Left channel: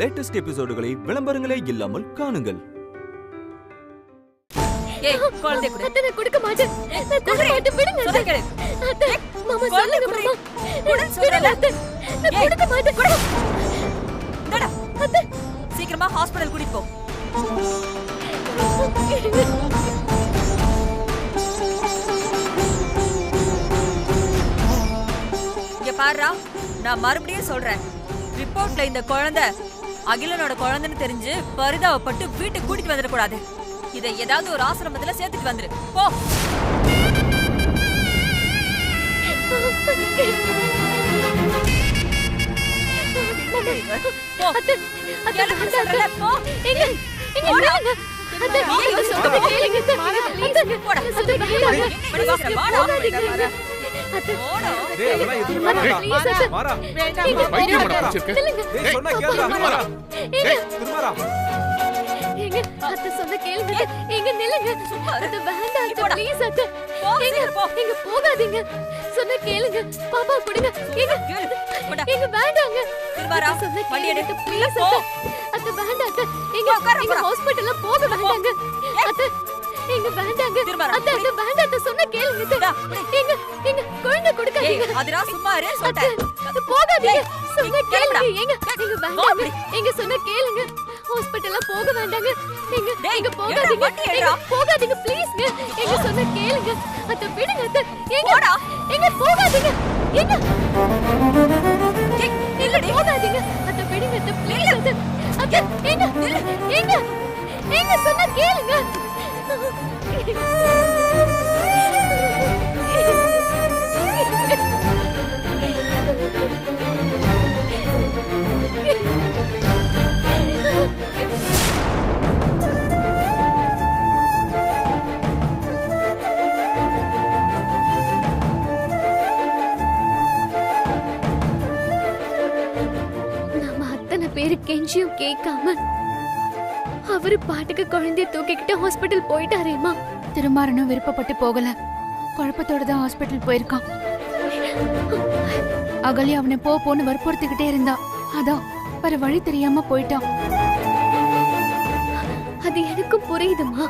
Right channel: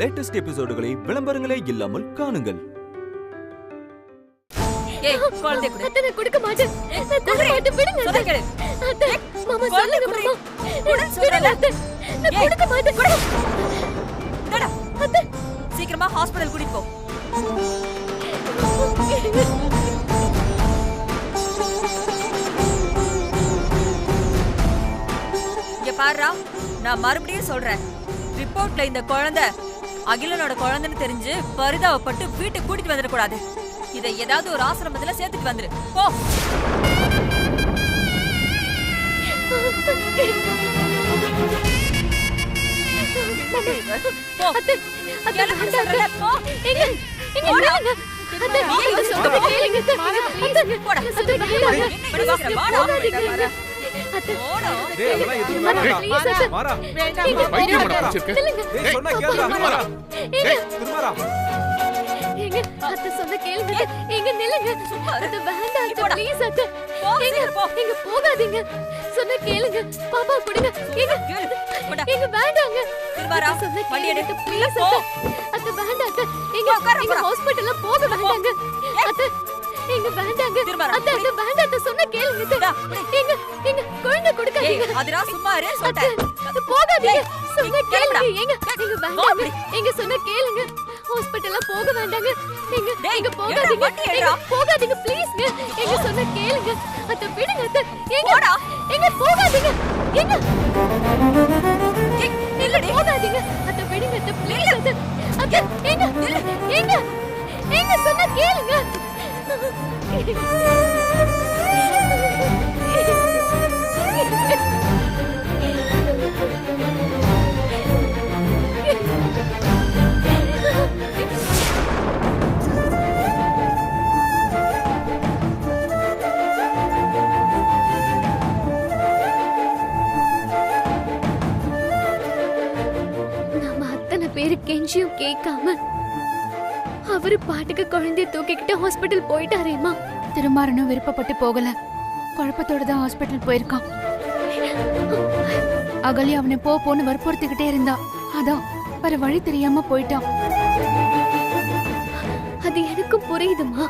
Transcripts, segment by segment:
Latest எபிசோடுகளை விளம்பரங்களே இல்லாமல் காணுங்கள். ஏய் குழந்தை குடு. அத்தை நான் கொடுக்க மாட்டேன். நான் கொடுக்க மாட்டேன். விடுங்க சொல்ல கேளு. அத்தை மாமா சொல்லுங்க மாமா. குடு சொல்றல. நான் கொடுக்க மாட்டேன். குடு. டடா. அத்தை சீக்கிரமா ஹாஸ்பிடல் கூட்டிட்டு போ. இங்க பாருடா, நான் மறுபடியும் சொல்றேன். ரிப்போர்ட்ல இந்த குழந்தை அகிலனோட குழந்தைன்னு தெரிஞ்சு பரிதாபப்பட்டு வீட்டுக்கு கூட்டிட்டு வந்துட கூடாது. இதை ஏதாவது ஒரு ஆசிரமத்துல சேர்த்துட்டு வந்துரு. போ. அத்தை சொன்ன கேளுங்க. எங்க நில்லுங்க. அத்தை வேண்டாம் அத்தை ப்ளீஸ் அத்தை. எங்க போகாதீங்க. சொன்ன கேளுங்க. பாப்பா கொடுங்க. எங்க வேண்டாங்க. சொன்ன கேளுங்க ப்ளீஸ் அத்தை. அத்தை வேண்டாம் அத்தை. எங்க ஹாஸ்பிடல்ல போக வேண்டாங்க. அத்தை எங்க வேண்டாங்க. அத்தை அத்தை வேண்டாம் அத்தை சொன்ன கேளுங்க. எங்க குழந்தை கொடுக்காதீங்க. அதுரா சும்மா இரு சொல்றேன். போகாதீங்க. சொன்ன கேளுங்க. எங்க வேண்டாங்க. எங்க சொன்ன கேளுங்க. ஹாஸ்பிடல்ல போக வேண்டாங்க. எங்க போகாதீங்க. போகாதீங்க ப்ளீஸ்ங்க. எங்க சொன்ன கேளுங்க. அத்தை விடுங்க அத்தை. எங்க போகாதீங்க. எங்க போகாதீங்க. அத்தை விடுங்க அத்தை ப்ளீஸ் அத்தை. அத்தை எங்க சொன்ன கேளுங்க. பேரு கெஞ்சியும் கேட்காம அவரு பாட்டுக்கு குழந்தைய தூக்கிக்கிட்டு ஹாஸ்பிடல் போயிட்டாரேமா. திருமாறனும் விருப்பப்பட்டு போகல, குழப்பத்தோட தான் ஹாஸ்பிடல் போயிருக்கான். அகலி அவனை போன்னு வற்புறுத்திக்கிட்டே இருந்தா, அதான் வேற வழி தெரியாம போயிட்டான். அது எனக்கும் புரியுதுமா.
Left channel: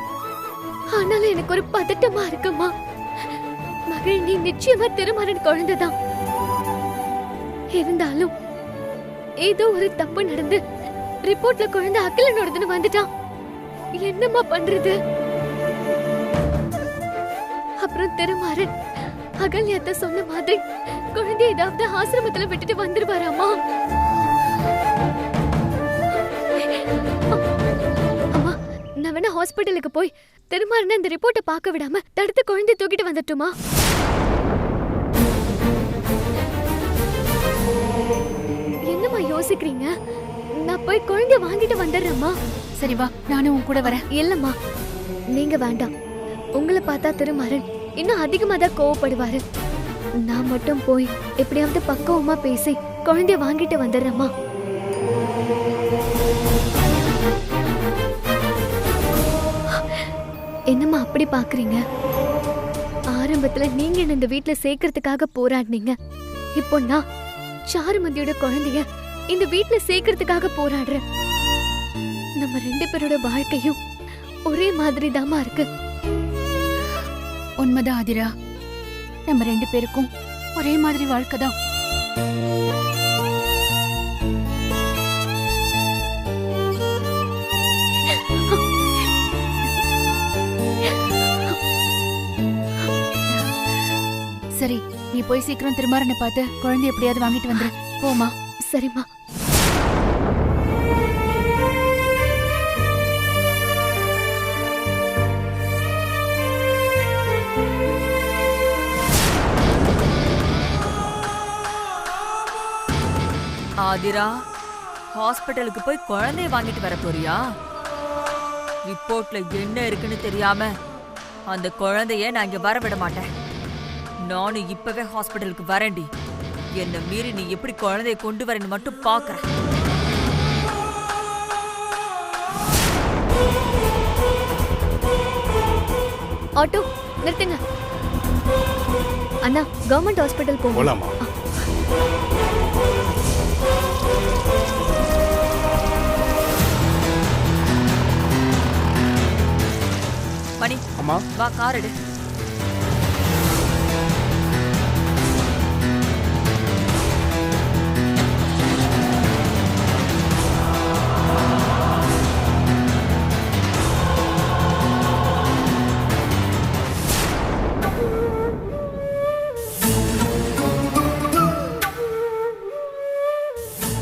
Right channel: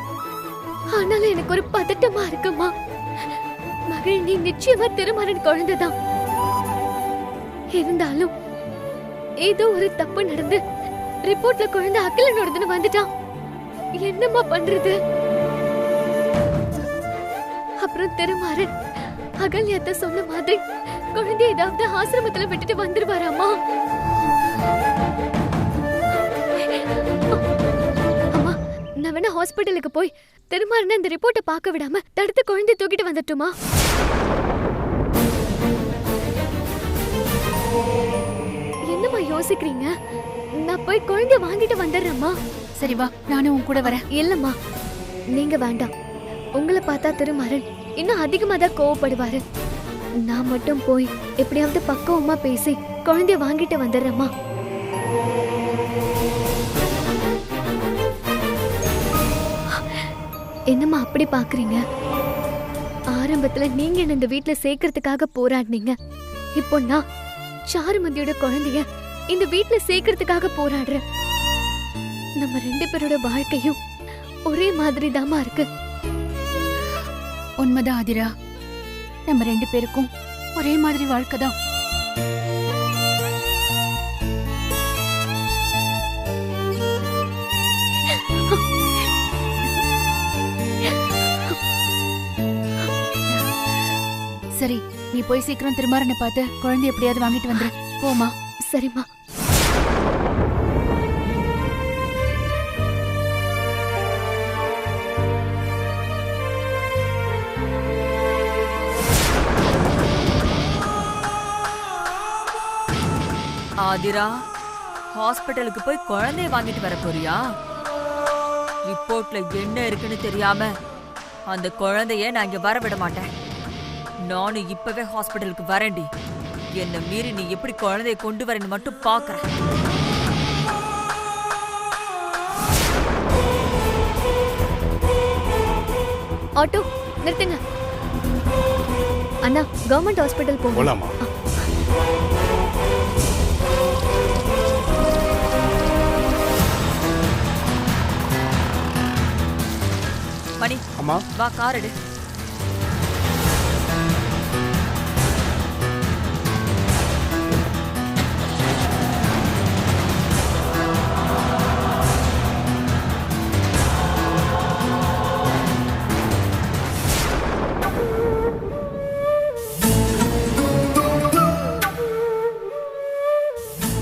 ஆனாலும் எனக்கு ஒரு பதட்டமா இருக்குமா. மகள் நீ நிச்சயமா திருமாறன் குழந்தைதான். இருந்தாலும் ஏதோ ஒரு தப்பு நடந்து ரிப்போர்ட்ல குழந்தை அகிலனோடதுன்னு வந்துட்டான். என்னம்மா பண்றது? அப்புறம் திருமாறன் அகல்யாத்த சொன்ன மாதிரி குழந்தை ஏதாவது ஆசிரமத்துல விட்டுட்டு வந்துருவாராமா. அம்மா நான் வேணா ஹாஸ்பிடலுக்கு போய் திருமாறன் அந்த ரிப்போர்ட்டை பார்க்க விடாம தடுத்து குழந்தை தூக்கிட்டு வந்துட்டுமா? என்னம்மா யோசிக்கிறீங்க? நான் போய் குழந்தை வாங்கிட்டு வந்துடுறேம்மா. சரி வா, நானும் உன் கூட வரேன். இல்லம்மா நீங்க வேண்டாம். உங்களை பார்த்தா திருமாறன் இன்னும் அதிகமா தான் கோவப்படுவாரு. நான் மட்டும் போய் எப்படியாவது பக்குவமா பேசி குழந்தைய வாங்கிட்டு வந்துடுறேம்மா. என்னம்மா அப்படி பாக்குறீங்க? ஆரம்பத்துல நீங்க என்ன இந்த வீட்டுல சேர்க்கறதுக்காக போராடினீங்க. இப்போ நான் சாருமதியோட குழந்தைய இந்த வீட்டுல சேர்க்கறதுக்காக போராடுறேன். நம்ம ரெண்டு பேரோட வாழ்க்கையும் ஒரே மாதிரி தாமா இருக்கு. உண்மைதான் ஆதிரா, நம்ம ரெண்டு பேருக்கும் ஒரே மாதிரி வாழ்க்கை தான். சரி, நீ போய் சீக்கிரம் திருமாறனை பார்த்து குழந்தை எப்படியாவது வாங்கிட்டு வந்துரு. போமா. சரிம்மா. ஆதிரா, ஹாஸ்பிடலுக்கு போய் குழந்தைய வாங்கிட்டு வர போறியா? ரிப்போர்ட்ல என்ன இருக்குன்னு தெரியாம அந்த குழந்தைய நான் இங்க வர விட மாட்டேன். நானும் இப்பவே ஹாஸ்பிடலுக்கு வரேன்டி. என்ன மீறி நீ எப்படி குழந்தைய கொண்டு வரேன்னு மட்டும் பாக்குறேன். ஆட்டோ நிறுத்துங்க. அண்ணா கவர்மெண்ட் ஹாஸ்பிடல் போலாமா? போலாமா? வா கார் எடு.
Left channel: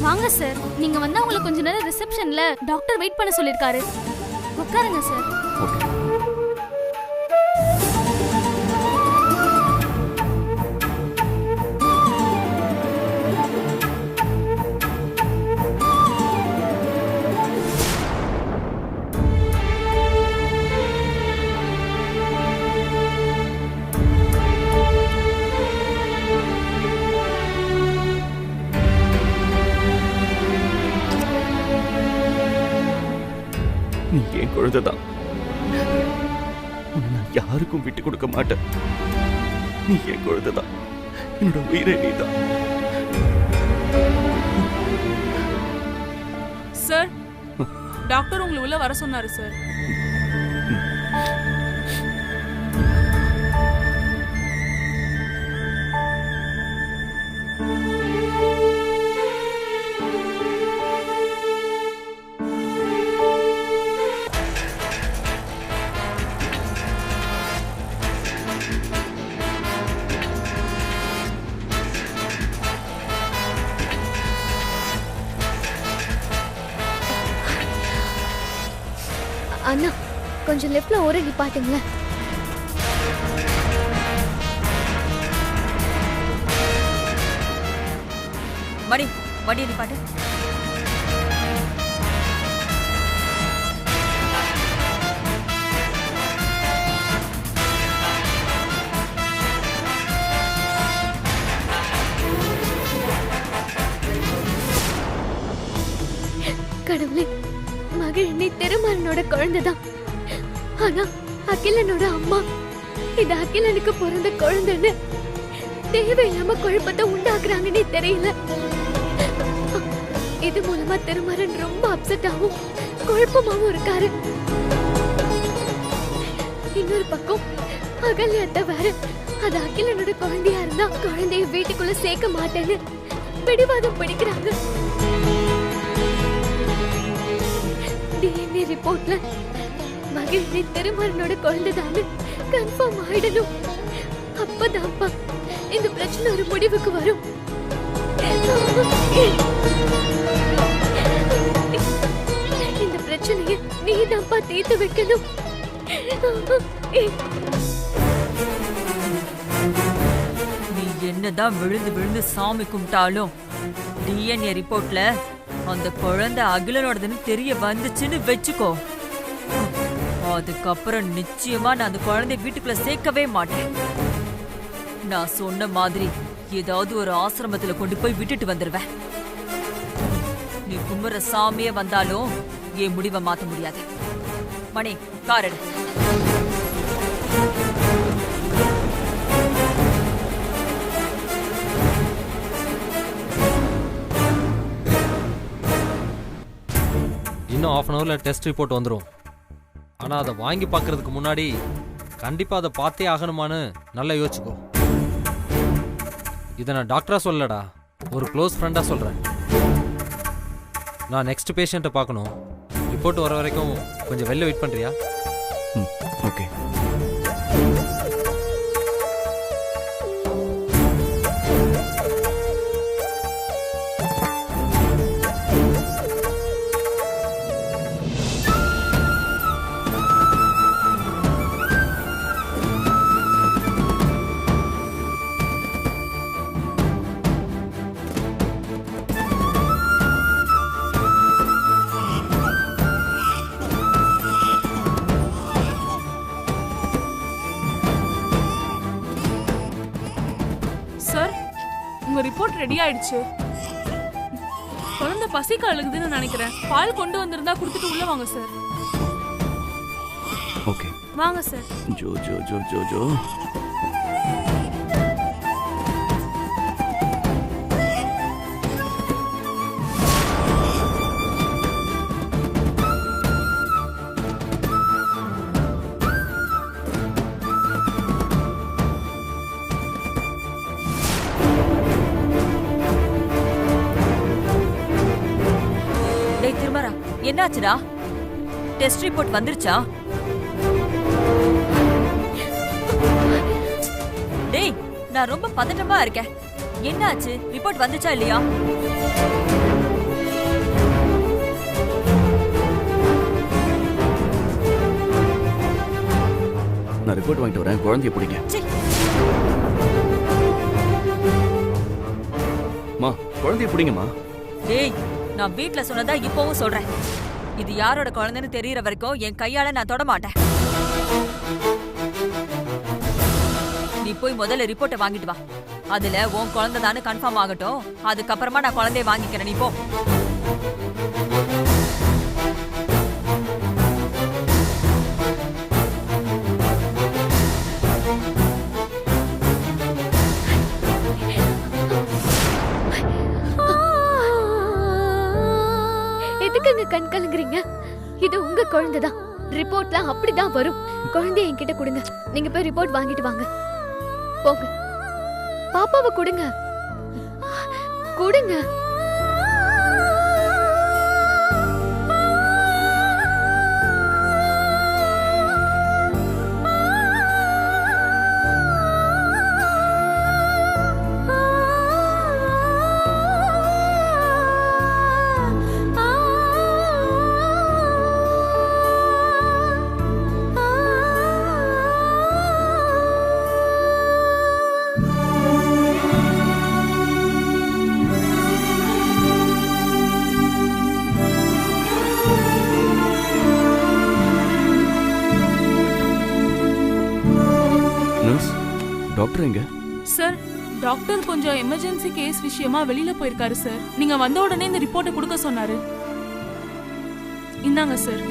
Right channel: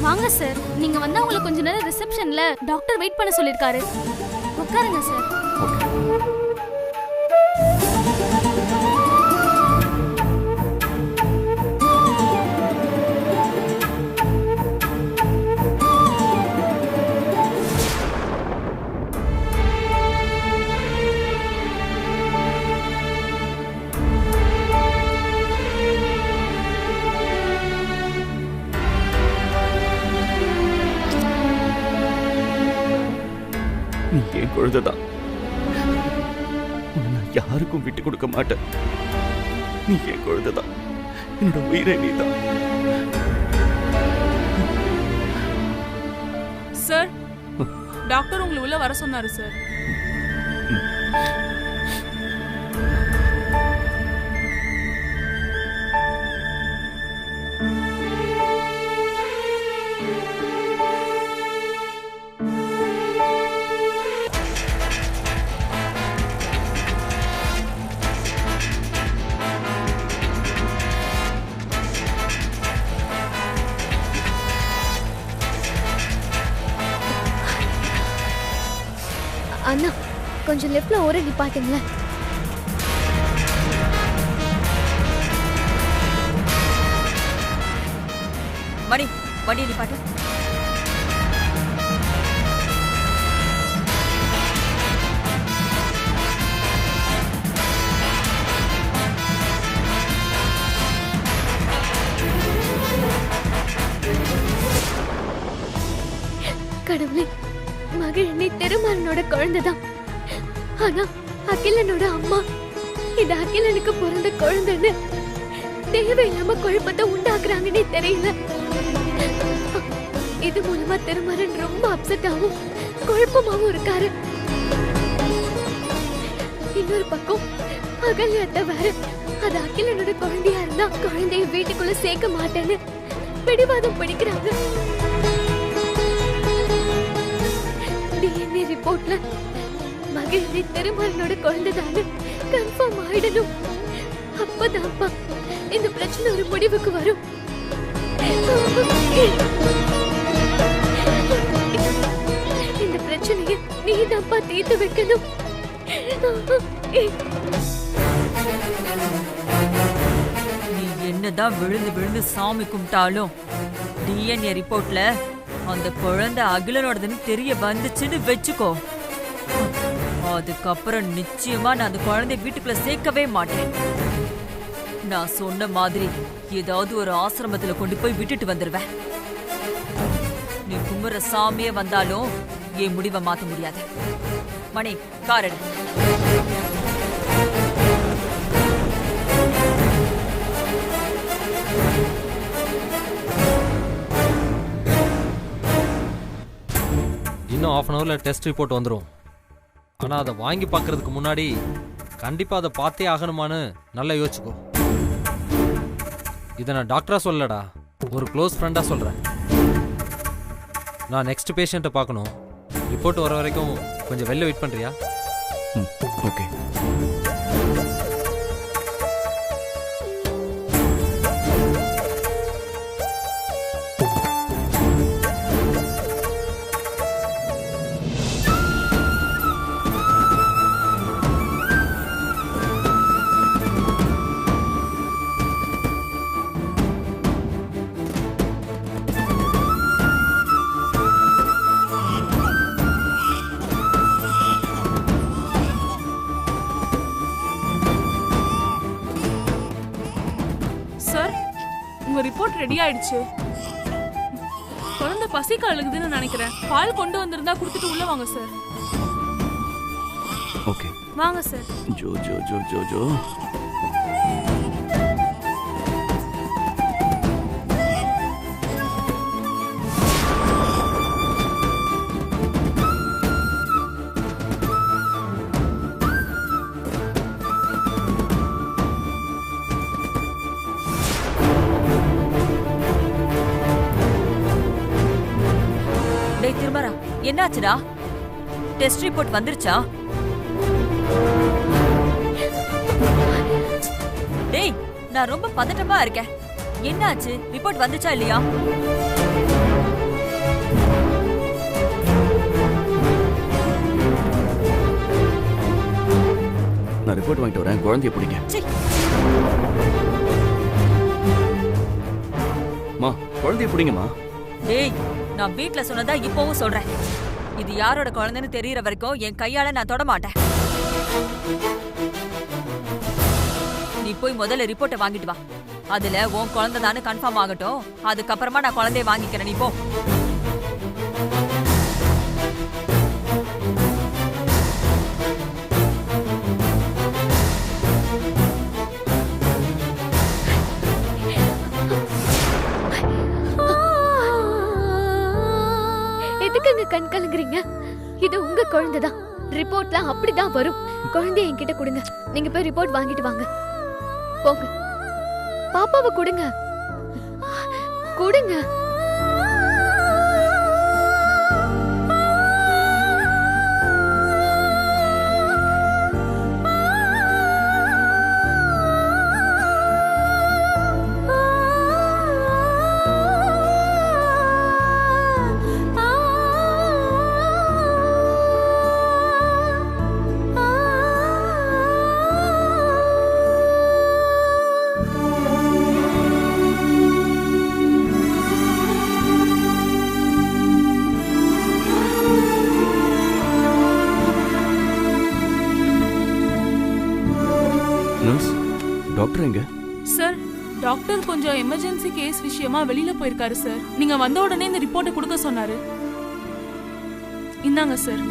வாங்க சார், நீங்க வந்தா உங்களை கொஞ்ச நேரம் ரிசப்ஷன்ல டாக்டர் வெயிட் பண்ண சொல்லிருக்காரு. உட்காருங்க சார். நீ என் குழந்தைதான். உன்னை நான் யாருக்கும் விட்டு கொடுக்க மாட்டேன். நீ என் குழந்தைதான். என்னோட உயிரை நீதான். சார், டாக்டர் உங்களை உள்ள வர சொன்னாரு சார். அண்ணா, கொஞ்சம் லெஃப்ட்ல ஒரே நிப்பாட்டுங்களேன். மணி, வண்டியை நிப்பாட்டு. கடவுளே, மகிழினி திருமாறனோட குழந்தைதான். ஆனா அகிலனோட அம்மா இது அகிலனுக்கு பிறந்த குழந்தைன்னு தேவையில்லாம குழப்பத்தை உண்டாக்குறாங்கன்னே தெரியல. இது மூலமா திருமாறன் ரொம்ப அப்செட்டாவும் குழப்பமாவும் இருக்காரு. இன்னொரு பக்கம் அகல்யாத்த வேற அது அகிலனோட குழந்தையா இருந்தா குழந்தைய வீட்டுக்குள்ள சேர்க்க மாட்டேன்னு பிடிவாதம் பிடிக்கிறாங்க. DNA ரிப்போர்ட்ல மகிழினி திருமாறனோட குழந்தைதான்னு கன்ஃபார்ம் ஆயிடணும். அப்பதான்ப்பா இந்த பிரச்சனை ஒரு முடிவுக்கு வரும். இந்த பிரச்சனையை நீதான்ப்பா தீர்த்து வைக்கணும். நீ என்னதான் விழுந்து விழுந்து சாமி கும்பிட்டாலும் DNA ரிப்போர்ட்ல அந்த குழந்தை அகிலனோடதுன்னு தெரிய வந்துச்சுன்னு வெச்சுக்கோ. அதுக்கப்புறம் நிச்சயமா நான் அந்த குழந்தைய வீட்டுக்குள்ள சேர்க்கவே மாட்டேன். நான் சொன்ன மாதிரி ஏதாவது ஒரு ஆசிரமத்துல கொண்டு போய் விட்டுட்டு வந்துருவேன். நீ கும்புற சாமியே வந்தாலும் என் முடிவை மாத்த முடியாது. மணி, கார் எடு. இன்னும் ½ அன் ஹவரில் டெஸ்ட் ரிப்போர்ட் வந்துடும். ஆனால் அதை வாங்கி பார்க்கறதுக்கு முன்னாடி கண்டிப்பாக அதை பார்த்தே ஆகணுமான்னு நல்லா யோசிச்சுக்கோ. இதை நான் டாக்டராக சொல்லலடா, ஒரு க்ளோஸ் ஃப்ரெண்டாக சொல்கிறேன். நான் நெக்ஸ்ட் பேஷண்ட்டை பார்க்கணும். ரிப்போர்ட் வர வரைக்கும் கொஞ்சம் வெளில வெயிட் பண்ணுறியா? ஓகே. சார், உங்க ரிப்போர்ட் ரெடி ஆயிடுச்சு. குழந்தை பசிக்கு அழுகுதுன்னு நினைக்கிறேன். பால் கொண்டு வந்திருந்தா கொடுத்துட்டு உள்ள வாங்க சார். ஓகே, வாங்க sir. Joe Joe Joe Joe Joe. டேய் திருமரா, என்னாச்சுடா? டெஸ்ட் ரிப்போர்ட் வந்துருச்சா? டேய், நான் ரொம்ப பதட்டமா இருக்கேன். என்னாச்சு? ரிப்போர்ட் வந்துச்சா இல்லையா? நான் ரிப்போர்ட் வாங்கிட்டு வரேன், குழந்தைய பிடிங்க. சீ. மா, குழந்தைய பிடிங்கம்மா. டேய், நான் வீட்ல சொன்னதா இப்பவும் சொல்றேன். இது யாரோட குழந்தைன்னு தெரியற வரைக்கும் என் கையால நான் தொட மாட்டேன். நீ போய் முதல்ல ரிப்போர்ட்டை வாங்கிட்டு வா. அதுல உன் குழந்தை தானே கன்ஃபார்ம் ஆகட்டும். அதுக்கப்புறமா நான் குழந்தைய வாங்கிக்கிறேன். நீ போ. எதுக்குங்க கண் கலங்குறீங்க? இது உங்க குழந்தைதான். ரிப்போர்ட்ல அப்படிதான் வரும். குழந்தைய என்கிட்ட கொடுங்க. நீங்க போய் ரிப்போர்ட் வாங்கிட்டு வாங்க. போங்க. பாப்பாவை கொடுங்க. கொடுங்க. நர்ஸ், டாக்டர் எங்க? சார், டாக்டர் கொஞ்சம் எமர்ஜென்சி கேஸ் விஷயமா வெளியில போயிருக்காரு சார். நீங்க வந்த உடனே இந்த ரிப்போர்ட்டை கொடுக்க சொன்னாரு. இந்தாங்க சார்.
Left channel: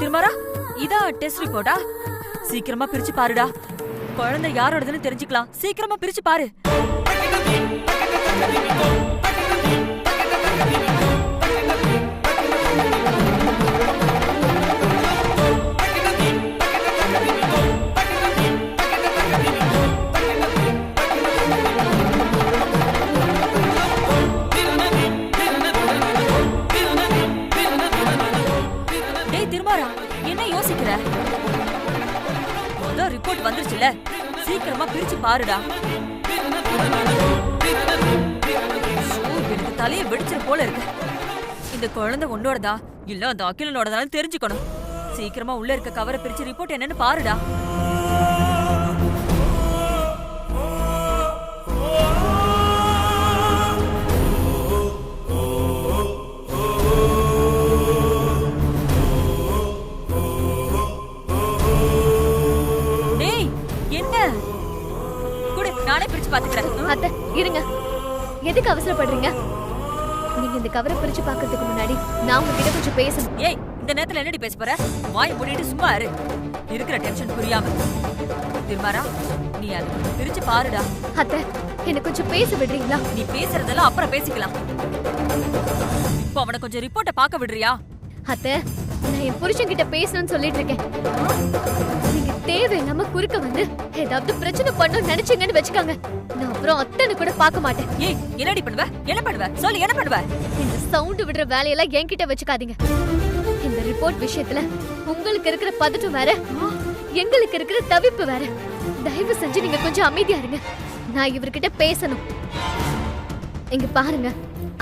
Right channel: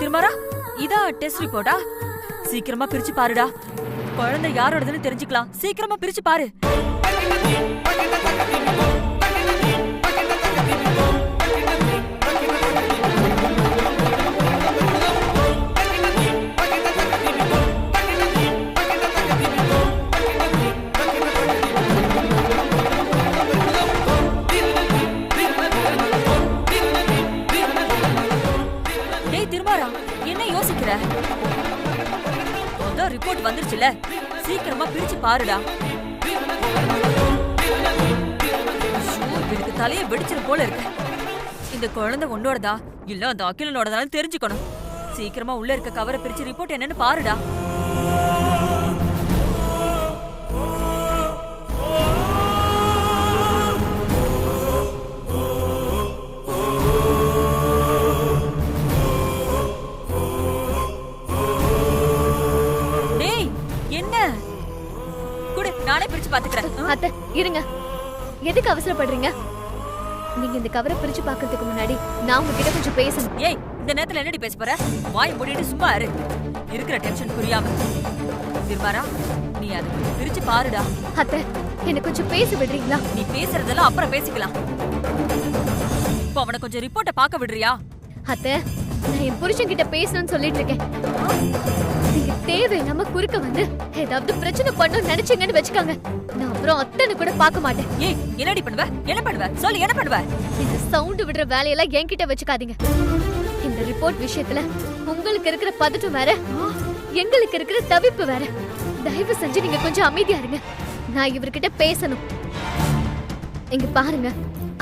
திருமரா, இதா டெஸ்ட் ரிப்போர்ட்டா? சீக்கிரமா பிரிச்சு பாருடா. குழந்தை யாரோடதுன்னு தெரிஞ்சுக்கலாம். சீக்கிரமா பிரிச்சு பாரு. திருமாரா, என்ன யோசிக்கிற? முதல் ரிப்போர்ட் வந்துருச்சுல, சீக்கிரமா பிரிச்சு பாருடா. எனக்கு தலையை வெடிச்சிரு போல இருக்கு. இந்த குழந்தை உன்னோடதா இல்ல அந்த அகிலனோடதான்னு தெரிஞ்சுக்கணும். சீக்கிரமா உள்ள இருக்க கவரை பிரிச்சு ரிப்போர்ட் என்னன்னு பாருடா. நானே பிரிச்சு பாத்துக்கிறேன். அத்தை இருங்க, எதுக்கு அவசரப்படுறீங்க? நீங்க இந்த கவரை பிரிச்சு பாக்குறதுக்கு முன்னாடி நான் உங்ககிட்ட கொஞ்சம் பேசணும். ஏய், இந்த நேரத்துல என்னடி பேச போற? வாய் மூடிட்டு சும்மா இரு. இருக்கிற டென்ஷன் புரியாம. திருமாரா, நீ அதை கொஞ்சம் பிரிச்சு பாருடா. அத்தை, என்ன கொஞ்சம் பேச விடுறீங்களா? நீ பேசுறதெல்லாம் அப்புறம் பேசிக்கலாம். இப்போ அவனை கொஞ்சம் ரிப்போர்ட்டை பார்க்க விடுறியா? அத்தை, நான் என் புருஷன் கிட்ட பேசணும்னு சொல்லிட்டு இருக்கேன். நீங்க தேவையில்லாம குறுக்க வந்து ஏதாவது பிரச்சனை பண்ணணும்னு நினைச்சீங்கன்னு வச்சுக்காங்க, நான் அப்புறம் அத்தனை கூட பார்க்க மாட்டேன். ஏய், என்னடி பண்ணுவ? என்ன பண்ணுவ? சொல்லு, என்ன பண்ணுவ? இந்த சவுண்ட் விடுற வேலையெல்லாம் என்கிட்ட வச்சுக்காதீங்க. இந்த ரிப்போர்ட் விஷயத்துல உங்களுக்கு இருக்கிற பதட்டம் வேற, எங்களுக்கு இருக்கிற தவிப்பு வேற. தயவு செஞ்சு நீங்க கொஞ்சம் அமைதியா இருங்க. நான் இவர்கிட்ட பேசணும். இங்க பாருங்க,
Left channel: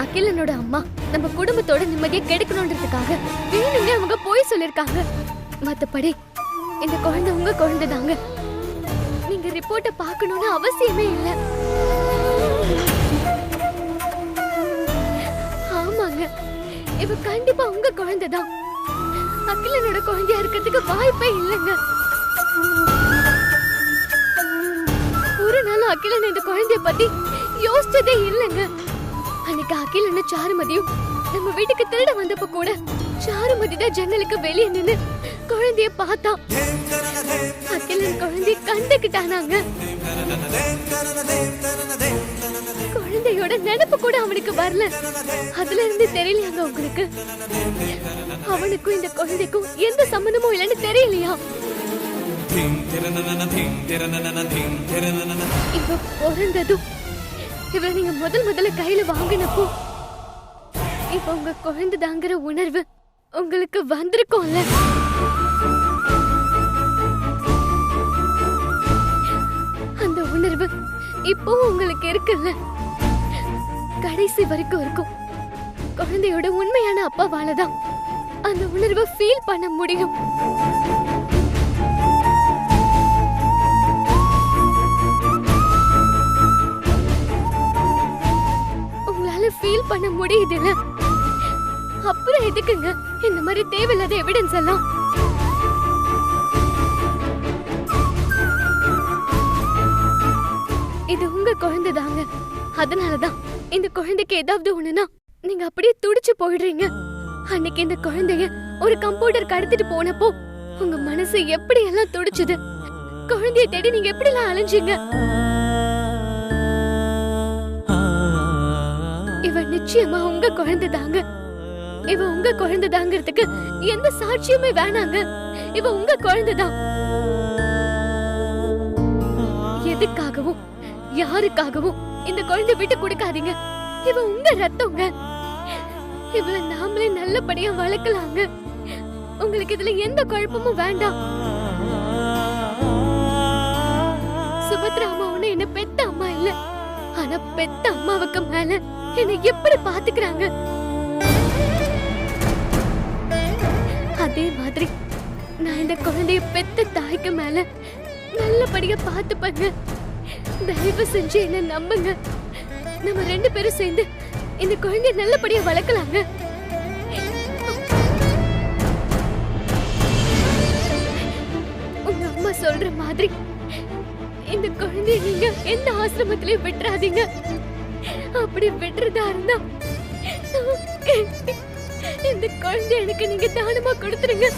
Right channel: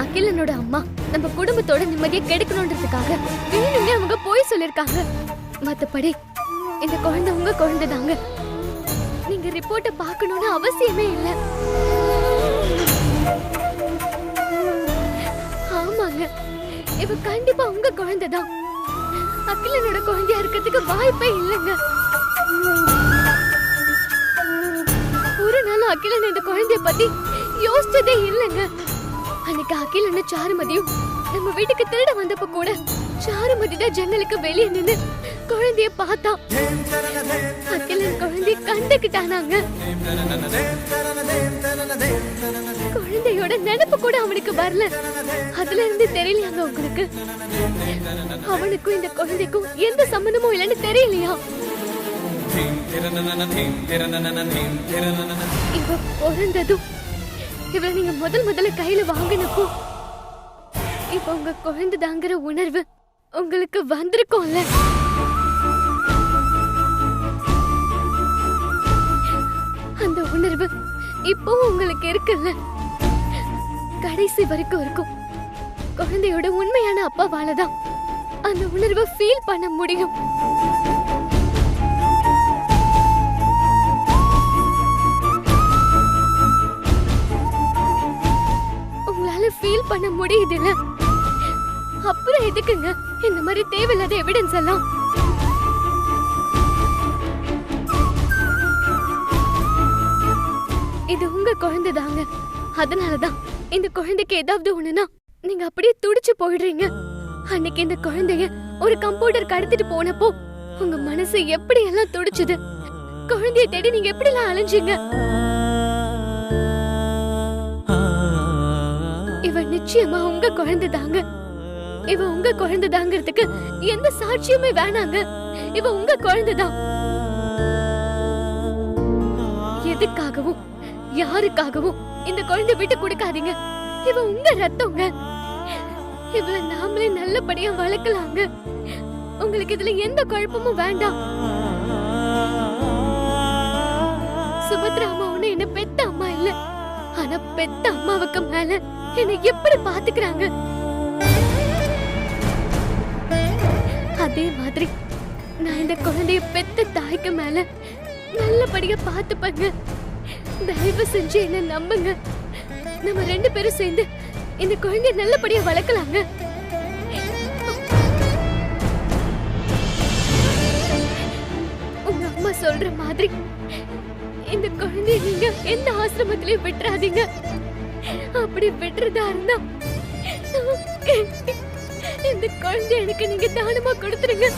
அகிலனோட அம்மா நம்ம குடும்பத்தோட நிம்மதியை கெடுக்கணும்ன்றதுக்காக வேணும்னே அவங்க போய் சொல்லிருக்காங்க. மத்தபடி இந்த குழந்தை உங்க குழந்தை தாங்க. நீங்க ரிப்போர்ட்ட பார்க்கணும்னு அவசியமே இல்ல. ஆமாங்க, இவ கண்டிப்பா உங்க குழந்தை தான். அகிலனோட குழந்தையா இருக்கிறதுக்கு வாய்ப்பே இல்லைங்க. ஒரு நாள் அகிலன் இந்த குழந்தைய பத்தி யோசிச்சதே இல்லைங்க. அன்னைக்கு அகிலன் சாருமதியும் நம்ம வீட்டுக்கு திருட வந்தப்ப கூட சாருமதி தான் ஜன்னலுக்கு வெளியே நின்னு குழந்தைய பார்த்தா. அகிலன் குழந்தைய கண்டுக்கிட்டானாங்க. குழந்தையோட நினைப்பு கூட அவனுக்கு வரல. அதுல இருந்து தெரியலையாங்க உங்களுக்கு? அவனுக்கும் இந்த குழந்தைக்கும் எந்த சம்பந்தமும் இல்லைன்னு தெரியலையா? இவ பிறந்ததும் இவளை நீங்க முதல்ல கையில வாங்கினப்போ இப்ப உங்க குழந்தைதாங்கிற உணர்வு உங்களுக்கு வந்திருக்கும்ல. அந்த உணர்வு இப்போ உங்களுக்கு இருக்குல்ல, கடைசி வரைக்கும் இருக்கும். குழந்தையோட உண்மையான அப்பாவாலதான் அந்த உணர்வை ஃபீல் பண்ண முடியும். உங்களால ஃபீல் பண்ண முடியுதுல்ல, அப்புறம் எதுக்குங்க இந்த மாதிரி தேவையில்லாத எவிடன்ஸ் எல்லாம்? இது உங்க குழந்தை தாங்க. அதனாலதான் இந்த குழந்தைக்கு ஏதாவது ஒண்ணுனா நீங்க அப்படியே துடிச்சு போயிடுறீங்க. அன்னைக்கு இந்த குழந்தைய ஒரு கம்ப்யூட்டர் கடத்திட்டு போனப்போ உங்க மனசு எப்படி எல்லாம் துடிச்சுது. குழந்தைய தேடி நீங்க எப்படி எல்லாம் அலைஞ்சீங்க. இவ நிச்சயமா உங்க குழந்தை தாங்க. இவ உங்க குழந்தை தாங்கிறதுக்கு எந்த சாட்சியுமே வேணாங்க. இவ உங்க குழந்தைதான். எதுக்காகவும் யாருக்காகவும் இந்த குழந்தை விட்டு கொடுக்காதீங்க. இவ உங்க ரத்தங்க. இவளை நாமளே நல்லபடியா வளர்க்கலாங்க. உங்களுக்கு இதுல எந்த குழப்பமும் வேண்டாம். சுபத்ரா அம்மா ஒண்ணு என்ன பெத்த அம்மா இல்ல, ஆனா பெத்த அம்மாவுக்கு மேல என்ன எப்படி பாத்துக்கிறாங்க, அதே மாதிரி நான் இந்த குழந்தைய பெத்த தாய்க்கு மேல நல்லபடியா பாத்துப்பங்க. தயவு செஞ்சு என்ன நம்புங்க. நம்ம 2 பேரும் சேர்ந்து இந்த குழந்தைய நல்லபடியா வளர்க்கலாங்க. உங்க அம்மா சொல்ற மாதிரி இந்த குழந்தைய நீங்க எந்த ஆசிரமத்திலயும் விட்டுறாதீங்க. அப்படி விட்டுறதா இருந்தா இந்த குழந்தை எனக்கு நீங்க தானமா கொடுத்துருங்க.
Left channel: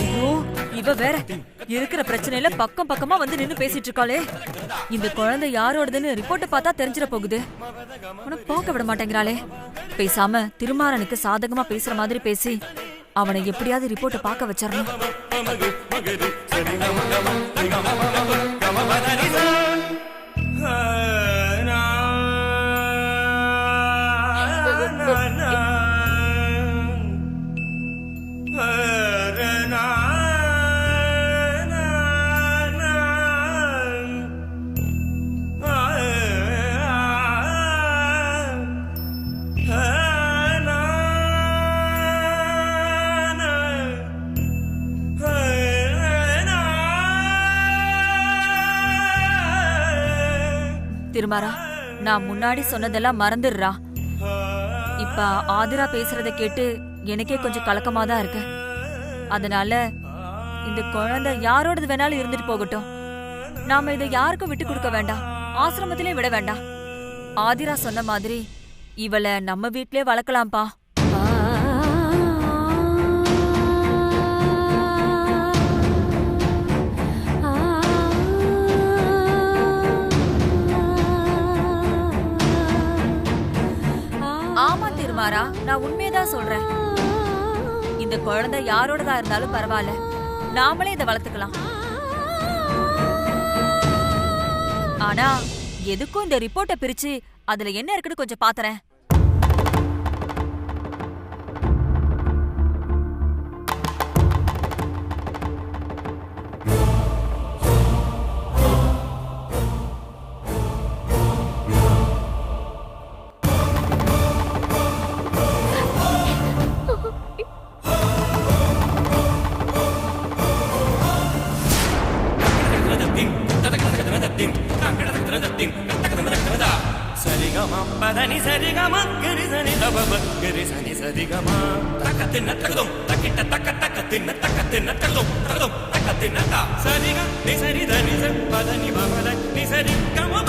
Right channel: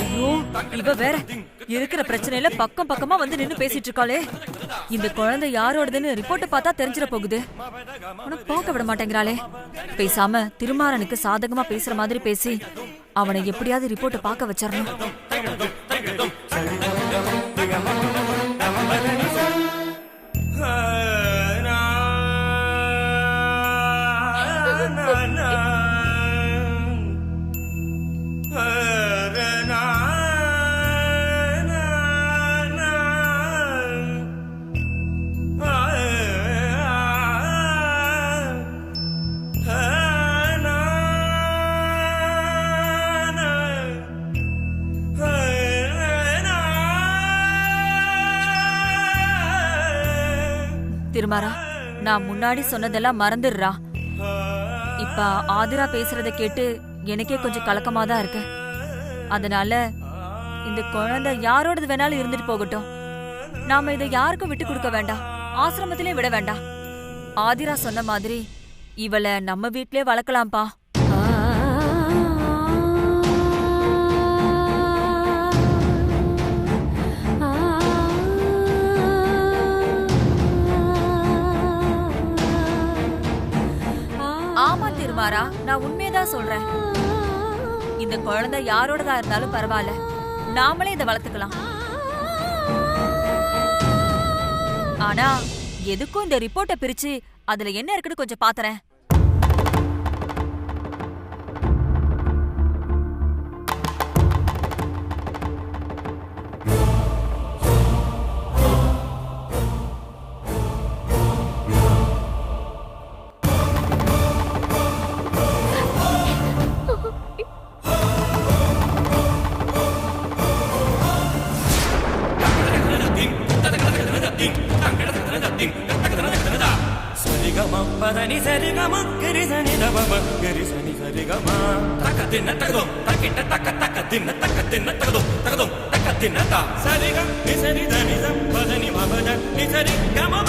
ஐயோ, இவ வேற இருக்கிற பிரச்சனையில பக்கம் பக்கமா வந்து நின்னு பேசிட்டு இருக்காளே. இந்த குழந்தை யாரோடதுன்னு ரிப்போர்ட் பார்த்தா தெரிஞ்சிட போகுது. ஆனா போக விட மாட்டேங்கிறாளே. பேசாம திருமாறனுக்கு சாதகமா பேசுற மாதிரி பேசி அவனை எப்படியாவது ரிப்போர்ட் பார்க்க வச்சிடணும். திருமாரா, நான் முன்னாடி சொன்னதெல்லாம் மறந்துடுறா. இப்ப ஆதிரா பேசுறத கேட்டு எனக்கே கொஞ்சம் கலக்கமா தான் இருக்கு. அதனால இந்த குழந்தை யாரோடது வேணாலும் இருந்துட்டு போகட்டும். நாம இதை யாருக்கும் விட்டு கொடுக்க வேண்டாம், ஆசிரமத்திலே விட வேண்டாம். ஆதிரா சொன்ன மாதிரி இவளை நம்ம வீட்லயே வளர்க்கலாம்ப்பா. ஆமா திருமாரா, நான் உண்மையதான் சொல்றேன். இந்த குழந்தை யாரோடதா இருந்தாலும் பரவாயில்ல, நாமளே இதை வளர்த்துக்கலாம். ஆனா எதுக்கும் இந்த ரிப்போர்ட்டை பிரிச்சு அதுல என்ன இருக்குன்னு கொஞ்சம் பாத்துறேன். பதனி சரி கம கிரி சனி தபம கிரி சனி சரி கம தக்க தின்ன தகும் தக்கிட்ட தக்க தின்ன தகும் தக்க தின்ன தா சரி க நி சரி தனி ச பதனி மபத நி சரி கம